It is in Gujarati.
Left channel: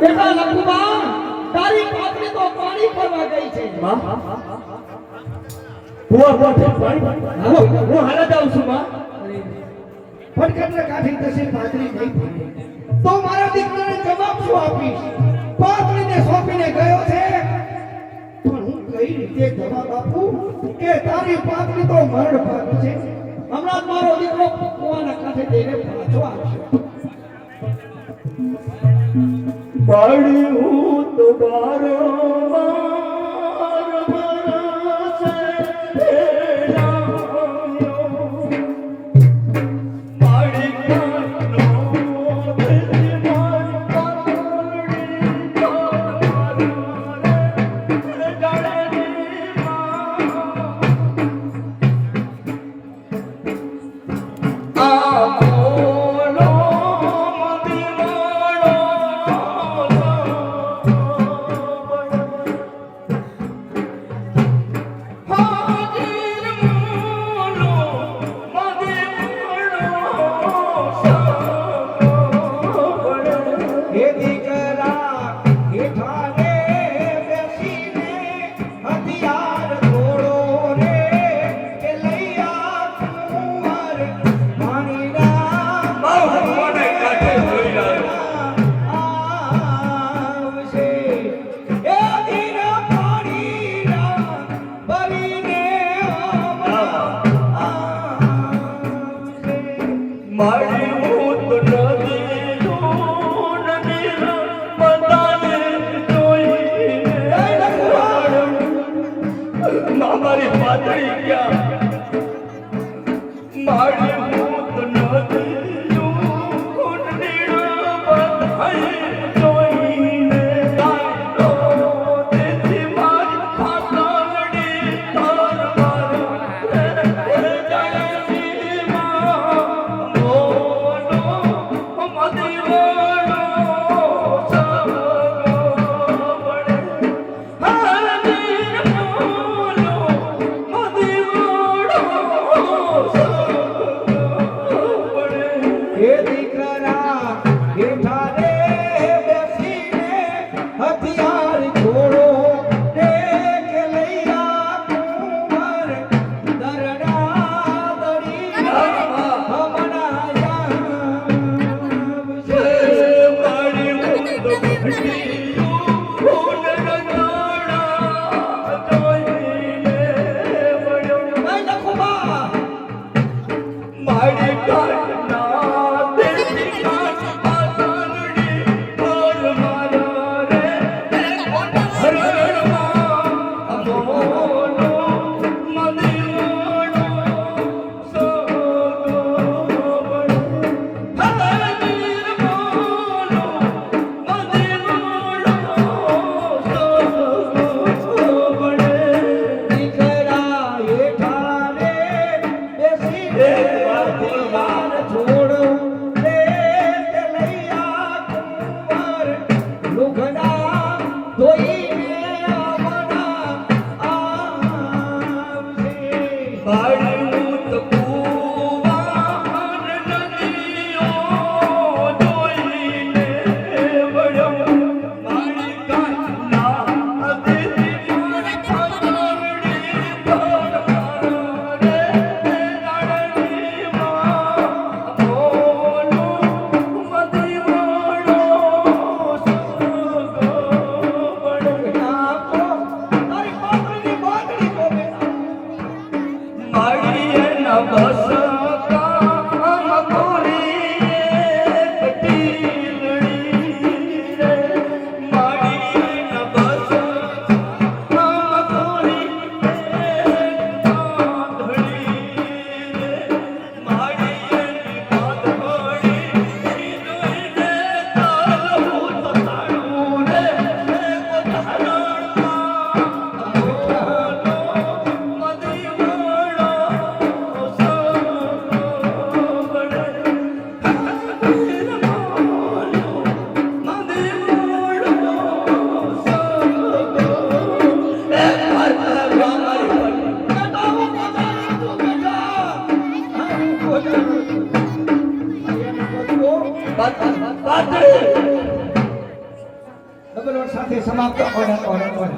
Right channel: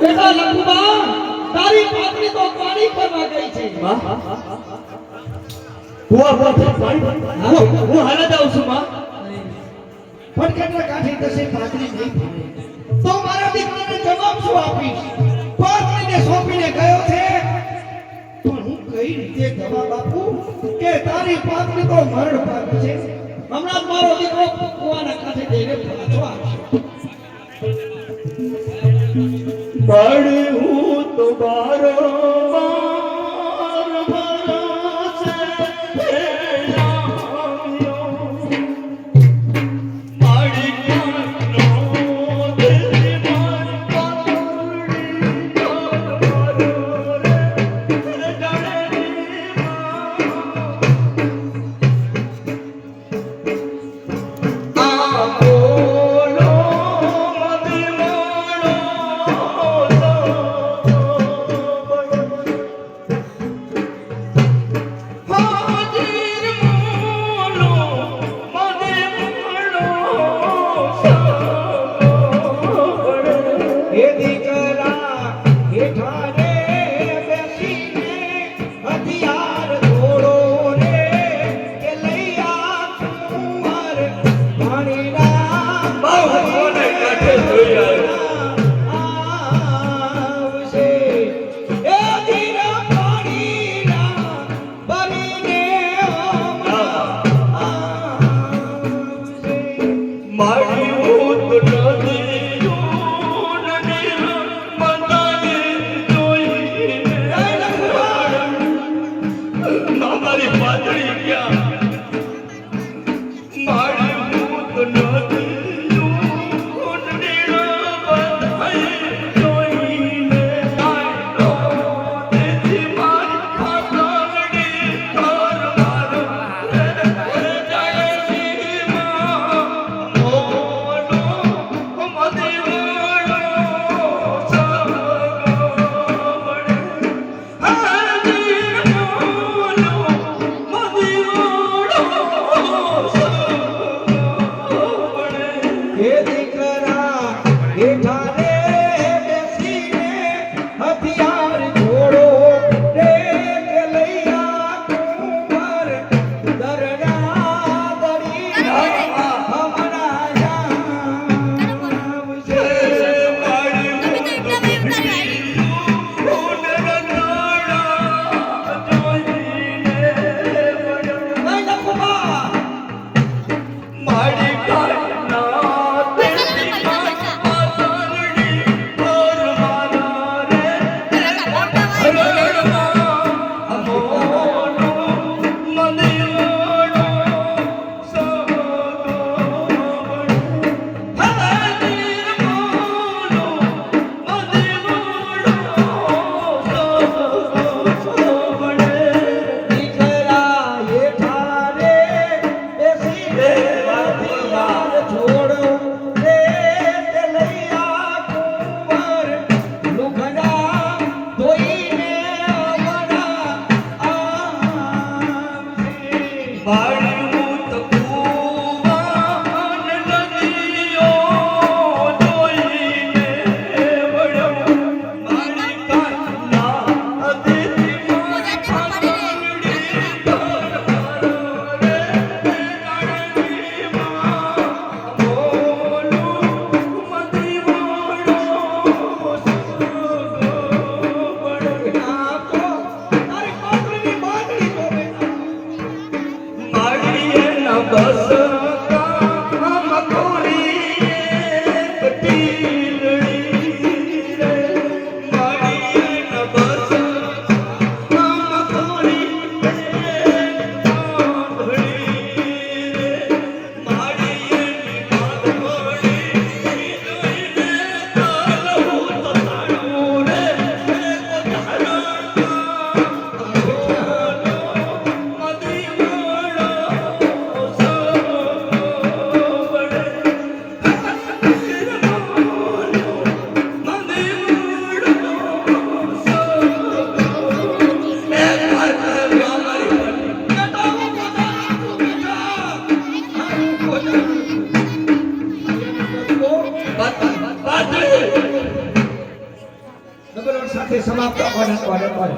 બેટા લખુબા તારી પાતળી તો પાણી ભરવા ગઈ છે હું હાલે જાઉં છું માં ફટકટને કાઢી દશે પાતળી નહીં ભરે તો મારા દીકરાને જવાબ શું આપીશ પાતળીને સોંપીને ગયો છે પણ હું કઈ રીતે જવાબ આપું કે તારી પાતળી તો મરણ પાક છે હમણાં મારો દીકરો કુવાના કાંઠે જઈને પાછો આવશે બડી હું તો બારોબાર ભરોસે નથી સમાપ્ત કરે